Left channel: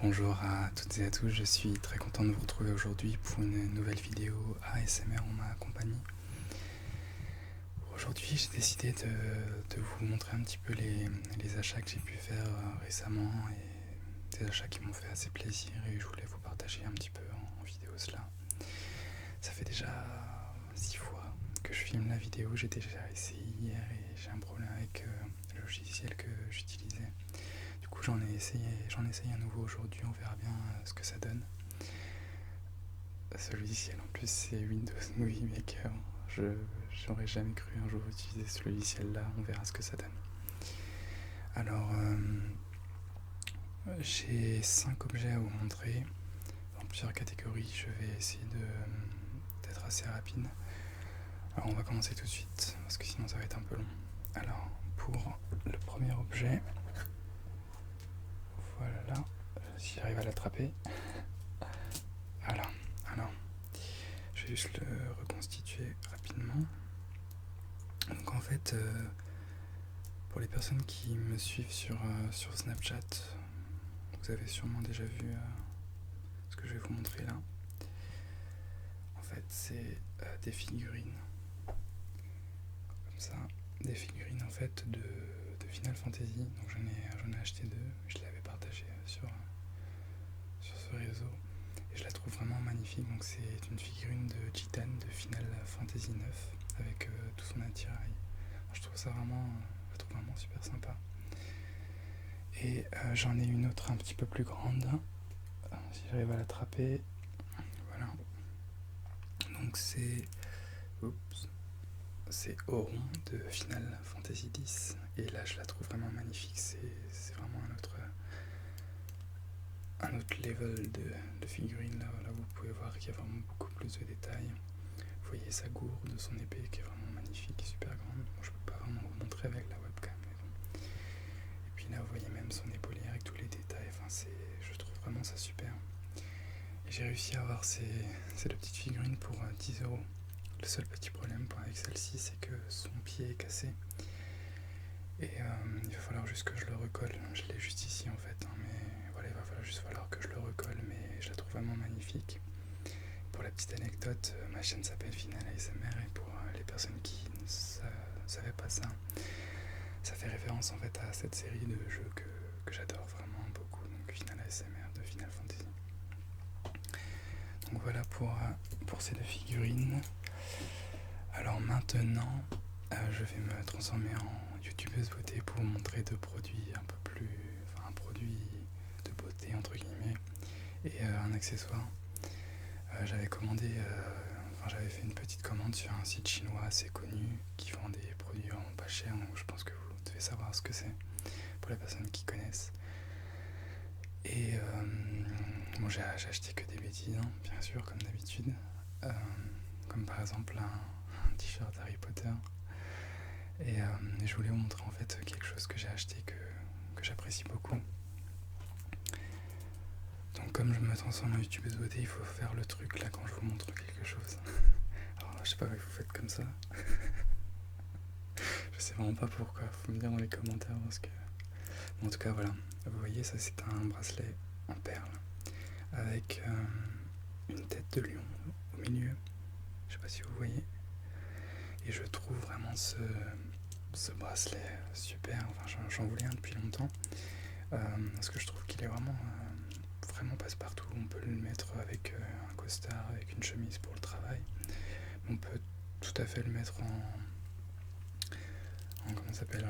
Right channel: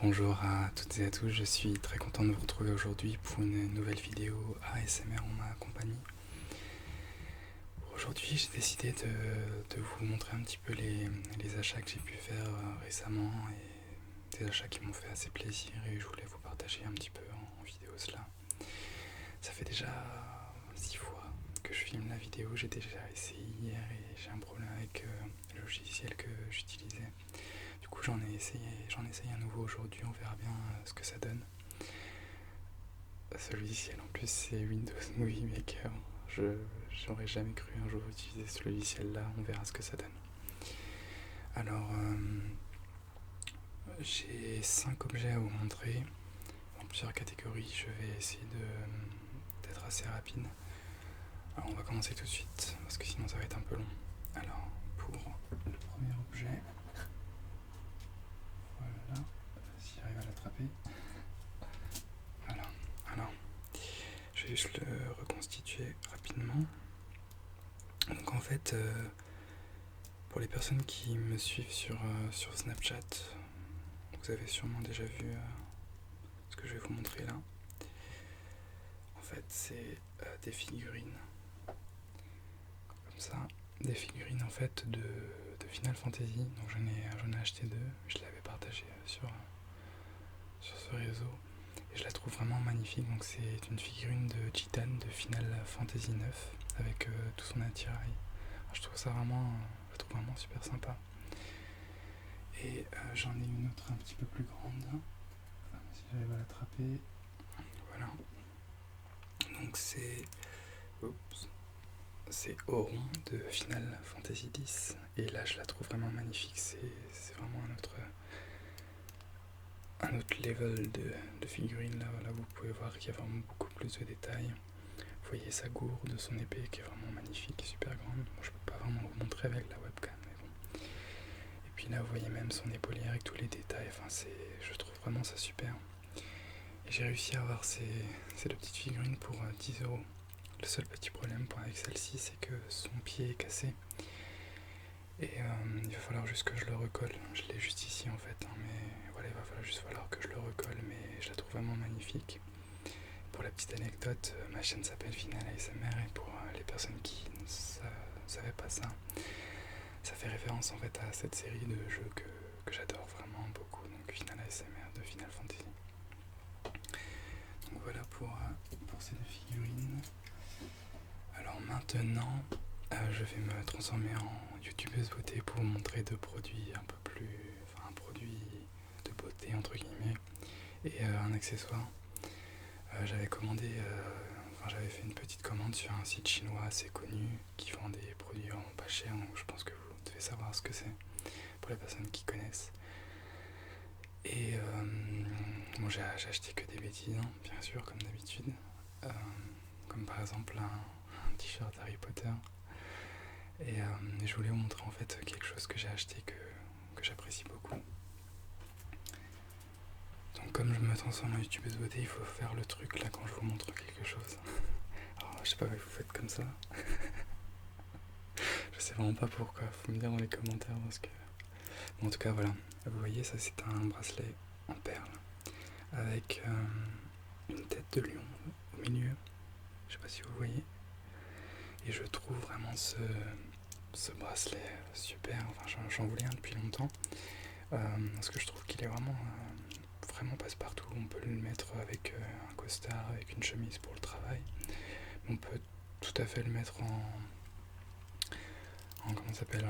Bonjour à toutes et à tous, je suis très content de vous retrouver aujourd'hui pour une nouvelle vidéo ASMR en ma compagnie. Aujourd'hui j'ai décidé de vous montrer un petit peu les achats que j'ai pu faire récemment et des achats qui m'ont fait assez plaisir et je voulais vous partager un petit peu en vidéo cela. Ça fait déjà 6 fois que je filme la vidéo, j'ai déjà essayé hier et j'ai un problème avec le logiciel que j'utilisais. Du coup j'en essaye un nouveau aujourd'hui, on verra bien ce que ça donne. Ce logiciel en plus c'est Windows Movie Maker. J'aurais jamais cru un jour utiliser ce logiciel là, on verra ce que ça donne. Alors j'ai 5 objets à vous montrer dans plusieurs catégories, je vais essayer d'être assez rapide. Alors on va commencer tout de suite parce que sinon ça va être un peu long. Alors pour le premier objet, voilà, si j'arrive à l'attraper. Voilà, alors je vais juste le reconstituer rapidement. Donc en fait, pour les personnes qui me suivent sur Snapchat, vous avez sûrement déjà vu ce que je vais vous montrer là. En fait, c'est des figurines, comme ça, des figurines en fait de Final Fantasy. Donc j'en ai acheté 2, je l'avais partagé sur ce réseau et je la trouve vraiment magnifique. Donc c'est une figurine de Chitan de Final Fantasy 9 avec tout son attirail. Alors, je trouve vraiment super sympa. Et j'en ai une autre un petit peu plus grande, si j'arrive à l'attraper. Voilà. Donc c'est Auron de Final Fantasy X. Et là je la trouve vraiment magnifique. C'est vraiment un autre level de figurine. Là vous pouvez voir qu'il y a vraiment beaucoup plus de détails. Vous voyez sa gourde, son épée qui est vraiment magnifique et super grande. Bon, je peux pas vraiment vous montrer avec la webcam, mais bon. Et puis là vous voyez même son épaulière avec tous les détails. Enfin je trouve vraiment ça super. Et j'ai réussi à avoir ces deux petites figurines pour 10€. Le seul petit problème avec celle-ci, c'est que son pied est cassé. Et il va falloir juste que je le recolle. Je l'ai juste ici en fait, hein, mais voilà, il va falloir que je le recolle, mais je la trouve vraiment magnifique. Pour la petite anecdote, ma chaîne s'appelle Final ASMR et pour les personnes qui ne savaient pas ça, ça fait référence en fait à cette série de jeux que j'adore vraiment beaucoup, donc Final ASMR de Final Fantasy. Donc voilà pour ces deux figurines. Alors maintenant, je vais me transformer en youtubeuse beauté pour vous montrer deux produits un peu plus... Enfin un produit de beauté entre guillemets et un accessoire. J'avais fait une petite commande sur un site chinois assez connu qui vend des produits vraiment pas chers, donc je pense que vous devez savoir ce que c'est pour les personnes qui connaissent. Et bon, j'ai acheté que des bêtises, hein, bien sûr, comme d'habitude. Comme par exemple un t-shirt Harry Potter. Et je voulais vous montrer en fait quelque chose que j'ai acheté que j'apprécie beaucoup. Donc comme je me transforme en youtubeuse beauté, il faut faire le truc là quand je vous montre quelque chose. Alors je sais pas, vous faites comme ça. Je sais vraiment pas pourquoi, faut me dire dans les commentaires parce que... Bon, en tout cas voilà, vous voyez ça c'est un bracelet en perles avec une tête de lion au milieu. Je sais pas si vous voyez. Et je trouve vraiment ce bracelet super, enfin j'en voulais un depuis longtemps. Parce que je trouve qu'il est vraiment passe-partout. On peut le mettre avec un costard, avec une chemise pour le travail. On peut tout à fait le mettre comment ça s'appelle,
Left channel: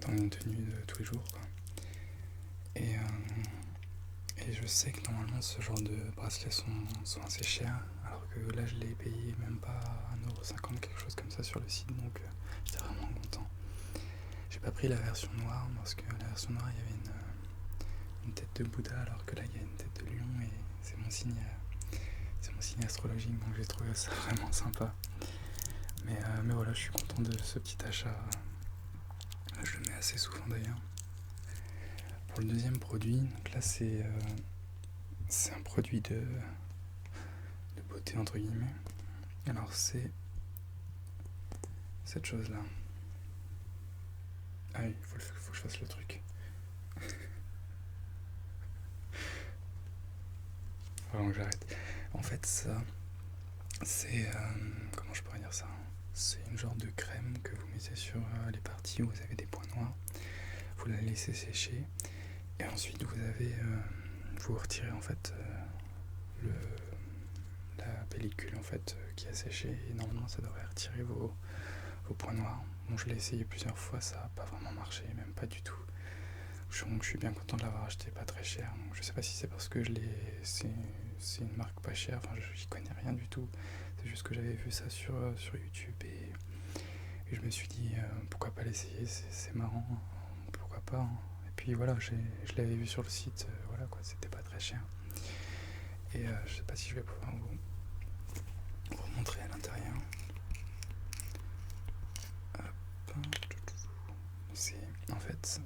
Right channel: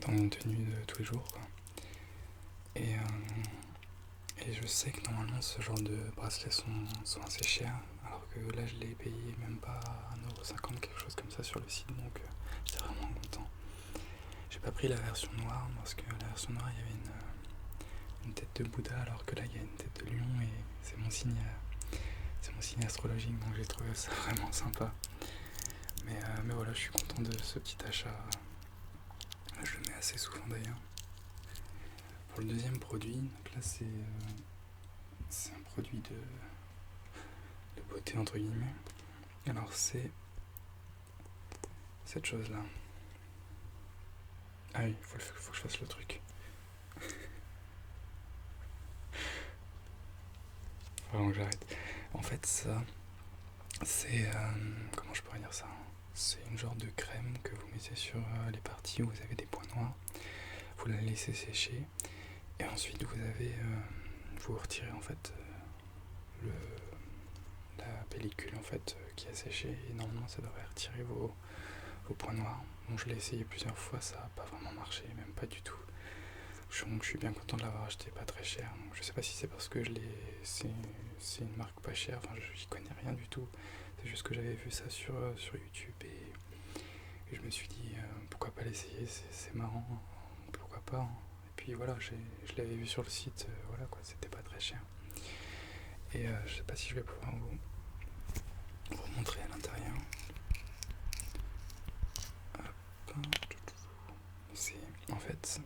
dans une tenue de tous les jours, quoi. Et je sais que normalement ce genre de bracelets sont assez chers, alors que là je l'ai payé même pas 1,50€, quelque chose comme ça sur le site, donc j'étais vraiment content. J'ai pas pris la version noire parce que la version noire il y avait une tête de Bouddha, alors que là il y a une tête de lion et c'est mon signe astrologique, donc j'ai trouvé ça vraiment sympa. Mais voilà, je suis content de ce petit achat. Je le mets assez souvent d'ailleurs. Pour le deuxième produit, donc là c'est un produit de beauté entre guillemets. Alors c'est cette chose là. Ah oui, faut que je fasse le truc. vraiment que j'arrête. En fait, ça, c'est... comment je pourrais dire ça? C'est une genre de crème que vous mettez sur les parties où vous avez des points noirs. Vous la laissez sécher. Et ensuite, vous retirez en fait le, la pellicule en fait qui a séché. Et normalement, ça devrait retirer vos points noirs. Bon, je l'ai essayé plusieurs fois, ça n'a pas vraiment marché, même pas du tout. Donc je suis bien content de l'avoir acheté, pas très cher. Donc, je sais pas si c'est parce que c'est une marque pas chère, enfin j'y connais rien du tout. C'est juste que j'avais vu ça sur YouTube et je me suis dit pourquoi pas l'essayer, c'est marrant, pourquoi pas. Hein. Et puis voilà, je l'avais vu sur le site, voilà quoi, c'était pas très cher. Et je sais pas si je vais pouvoir vous montrer à l'intérieur. C'est en fait,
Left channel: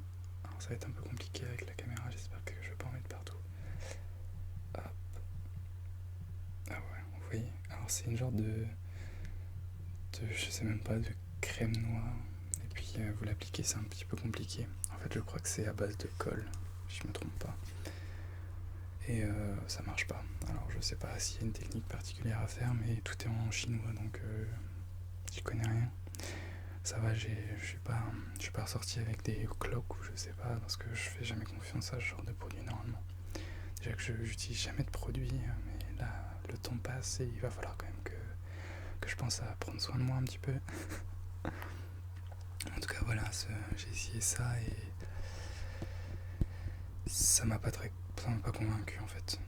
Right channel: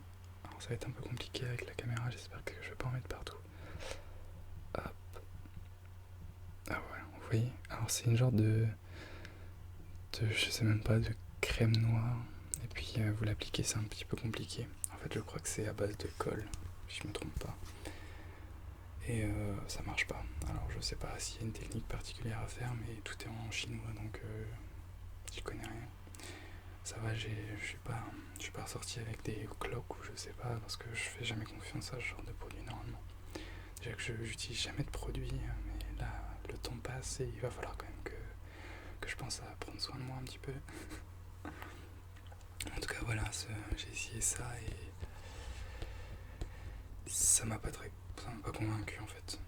alors ça va être un peu compliqué avec la caméra, j'espère que je vais pas en mettre partout. Hop. Ah ouais, vous voyez, alors c'est une genre je sais même pas, de crème noire. Et puis vous l'appliquez, c'est un petit peu compliqué. En fait, je crois que c'est à base de colle, si je me trompe pas. Et ça marche pas. Alors je sais pas s'il y a une technique particulière à faire, mais tout est en chinois, donc j'y connais rien. Ça va, je suis pas ressorti avec des cloques ou je sais pas, parce que je fais jamais confiance à ce genre de produit normalement. Déjà que je n'utilise jamais de produits, mais là, le temps passe et il va falloir quand même que je pense à prendre soin de moi un petit peu. En tout cas, voilà, j'ai essayé ça et ça m'a pas convaincu en fait.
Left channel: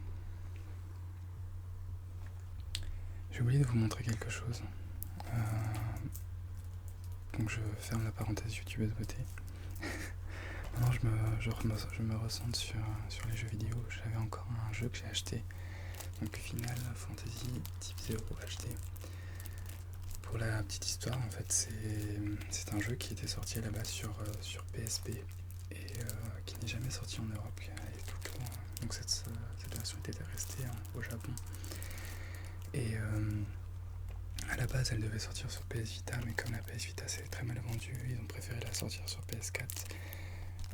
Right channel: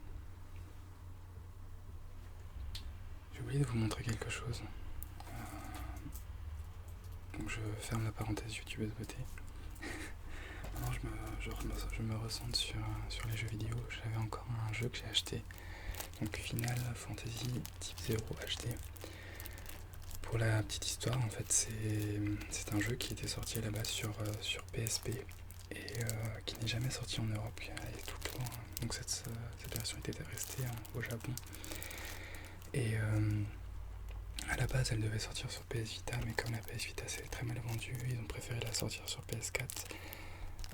J'ai oublié de vous montrer quelque chose. Donc je ferme la parenthèse YouTube de côté. Maintenant je me recentre sur les jeux vidéo. J'avais encore un jeu que j'ai acheté, donc Final Fantasy Type 0 HD. Pour la petite histoire, en fait, c'est un jeu qui était sorti à la base sur PSP et qui n'est jamais sorti en Europe, qui est tout le temps. Donc cette version était restée au Japon. Et à la base, elle devait sortir sur PS Vita, mais comme la PS Vita s'est très mal vendue, ils ont préféré la sortir sur PS4.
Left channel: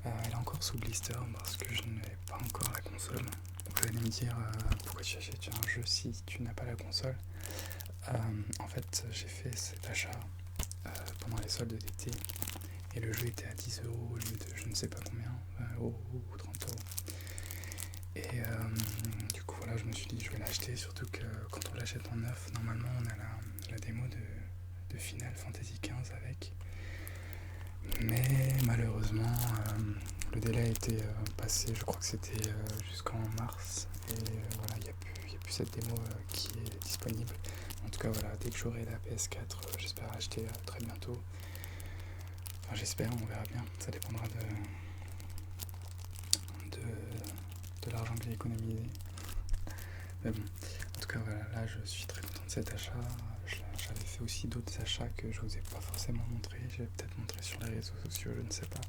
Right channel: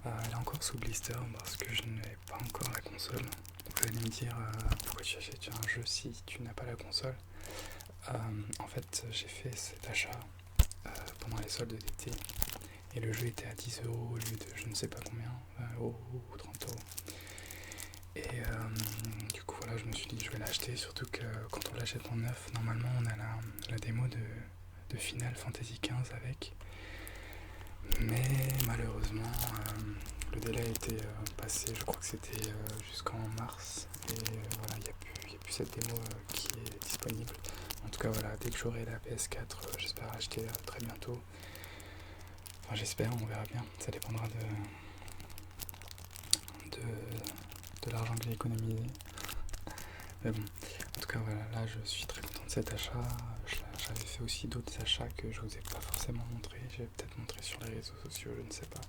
Elle est encore sous blister parce que je n'ai pas encore la console. Vous allez me dire pourquoi tu achètes un jeu si tu n'as pas la console. En fait, j'ai fait cet achat pendant les soldes d'été et le jeu était à 10 € au lieu de je ne sais pas combien, 20 € ou 30 €. Et du coup, voilà, je me suis dit je vais l'acheter, surtout que quand on l'achète en neuf, normalement on a la démo de Final Fantasy XV avec. Mais malheureusement, le délai a été passé, je crois que c'était jusqu'en mars. Et voilà, il n'y a plus cette démo qui est disponible. En tout cas, voilà, dès que j'aurai la PS4, j'espère acheter très bientôt. Enfin, j'espère, on verra bien. Ça dépendra de l'argent que j'ai économisé. Mais bon, en tout cas, voilà, là, je suis très content de cet achat. J'avais fait aussi d'autres achats que je vous ai pas forcément montré. Je vais peut-être montrer sur les réseaux sociaux, je ne sais pas.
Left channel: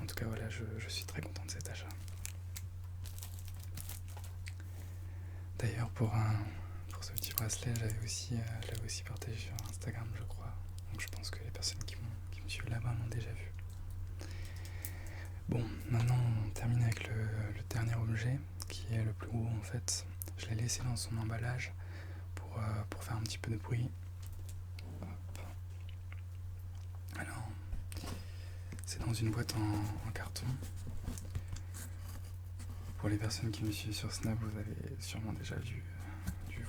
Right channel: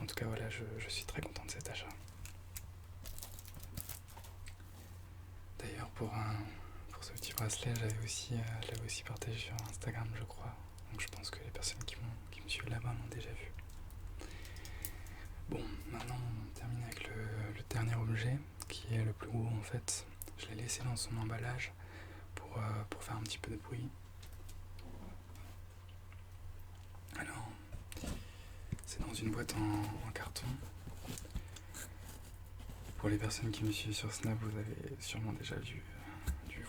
En tout cas, voilà, je suis très content de cet achat. D'ailleurs, pour ce petit bracelet, je l'avais aussi partagé sur Instagram, je crois. Donc je pense que les personnes qui me suivent là-bas m'ont déjà vu. Bon, maintenant on termine avec le dernier objet, qui est le plus gros en fait. Je l'ai laissé dans son emballage pour faire un petit peu de bruit. Alors, c'est dans une boîte en carton. Pour les personnes qui me suivent sur Snap, vous avez sûrement déjà dû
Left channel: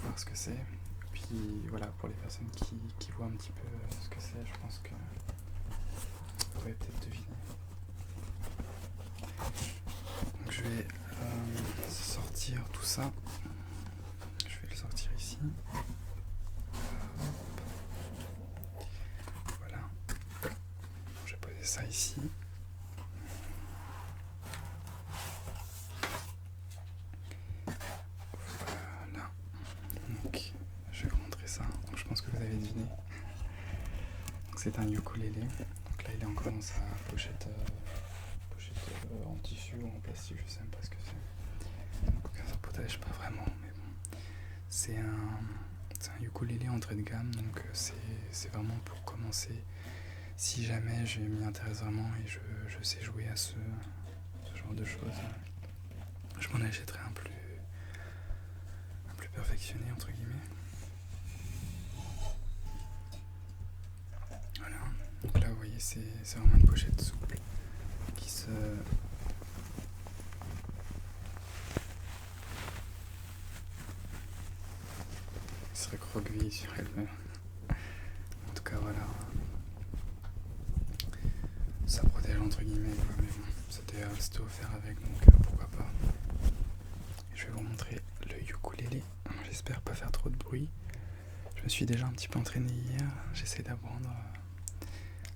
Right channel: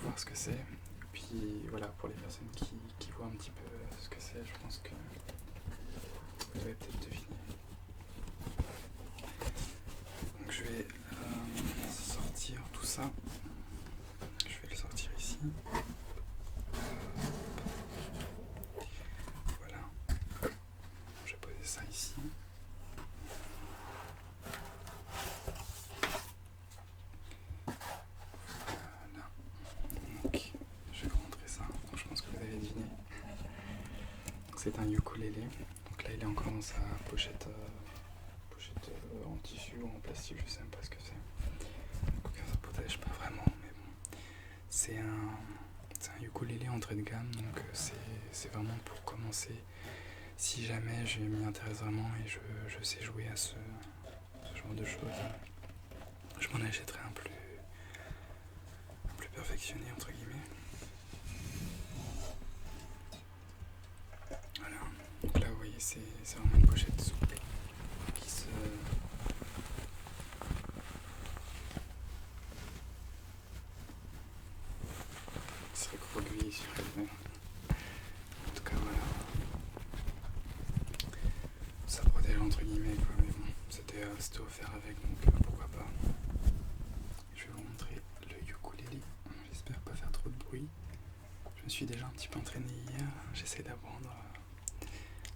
voir ce que c'est. Puis voilà, pour les personnes qui voient un petit peu ce que c'est, je pense que vous devez peut-être deviner. Donc je vais sortir tout ça. Je vais le sortir ici. Voilà. Je vais poser ça ici. Voilà. Donc je vais vous montrer ça. Donc je pense que vous avez deviné. Donc c'est un ukulélé. Donc là il est encore dans sa pochette en tissu ou en plastique, je sais même pas ce que c'est. Donc ça protège pas vraiment, mais bon. C'est un ukulélé entrée de gamme, donc c'est vraiment pour commencer. Si jamais je m'y intéresse vraiment et je sais jouer à ce genre de choses, je m'en achèterai un perfectionné entre guillemets. Voilà, donc là vous voyez c'est vraiment une pochette souple qui se recroqueville sur elle-même. En tout cas voilà, ça protège entre guillemets quoi, mais bon, c'était offert avec, donc pourquoi pas. Je vais vous montrer le ukulélé, j'espère pas faire trop de bruit. Je me suis déjà un petit peu entraîné hier, j'essaie d'apprendre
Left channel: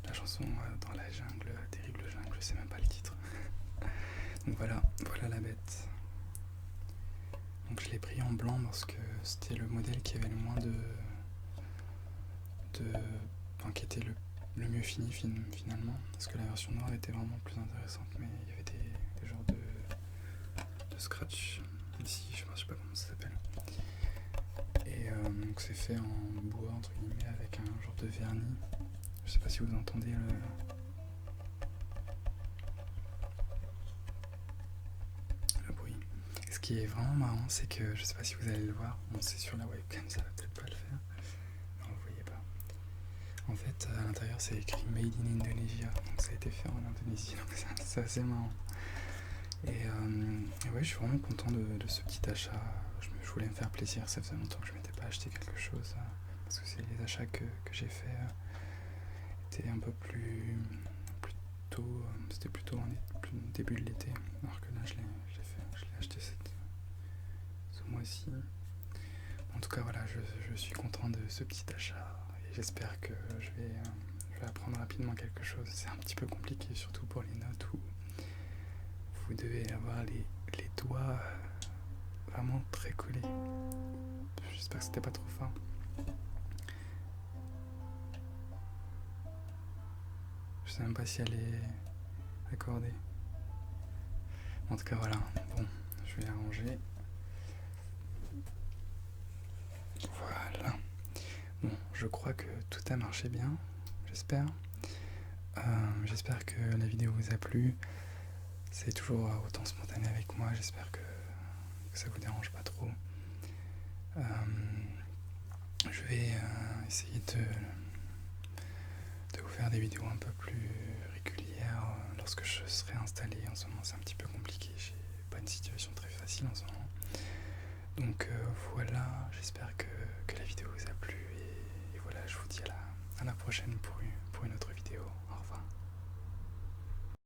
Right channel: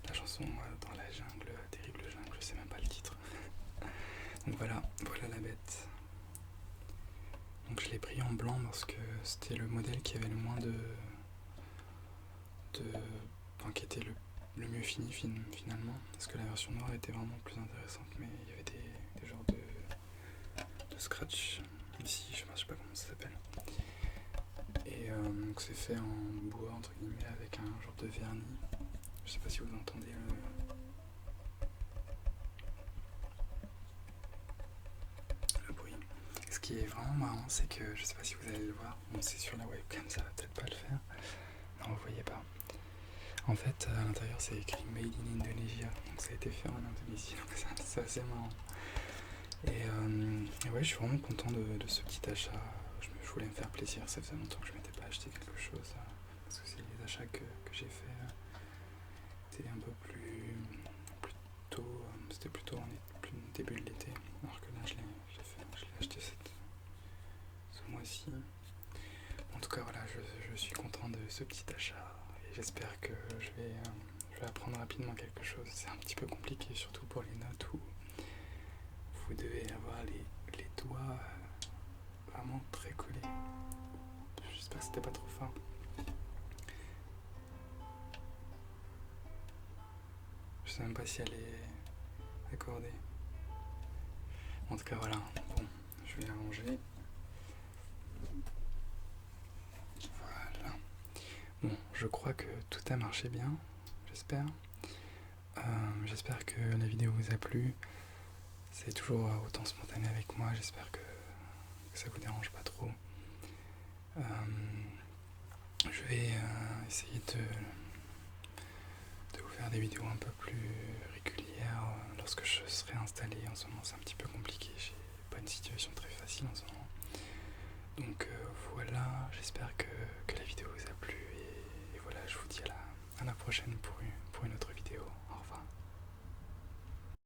la chanson dans la jungle, terrible jungle, je sais même pas le titre. Donc voilà la bête. Donc je l'ai pris en blanc parce que c'était le modèle qui avait le moins enfin, qui était le mieux fini finalement, parce que la version noire était vraiment plus intéressante, mais il y avait des genres de scratch ici, je sais pas comment ça s'appelle. Et donc c'est fait en bois entre guillemets avec un genre de vernis. Je sais pas si vous entendez le bruit. Ce qui est vraiment marrant, c'est que je sais pas si vous allez le voir, bon, c'est sur la webcam, ça va peut-être pas le faire. Non, vous voyez pas. En fait, à l'intérieur, c'est écrit Made in Indonesia, donc ça a été fait en Indonésie, donc c'est assez marrant. Et ouais, je suis vraiment content de ce petit achat. Je voulais me faire plaisir, ça faisait longtemps que je m'étais pas acheté quelque chose, parce que les achats que j'ai fait étaient un peu plus tôt, c'était plutôt en début de l'été, alors que là je l'ai acheté ce mois-ci. En tout cas voilà, je suis content de ce petit achat et j'espère que je vais apprendre rapidement quelque chose. C'est un petit peu compliqué, surtout pour les notes où vous devez avoir les doigts vraiment très collés. J'espère que c'était pas trop fort. Je sais même pas si elle est accordée. En tout cas voilà, bon, je vais arranger. Voilà. Bon, je crois que tout a marché bien, j'espère. J'espère que la vidéo vous a plu. C'est toujours autant spontané avec moi, j'espère que ça vous dérange pas trop. Je vais essayer de vous faire des vidéos un peu plus régulières lorsque je serai installé. En ce moment c'est un petit peu compliqué, j'ai pas une situation très facile en ce moment. Donc voilà, j'espère que la vidéo vous a plu et voilà, je vous dis à la prochaine pour une autre vidéo. Au revoir.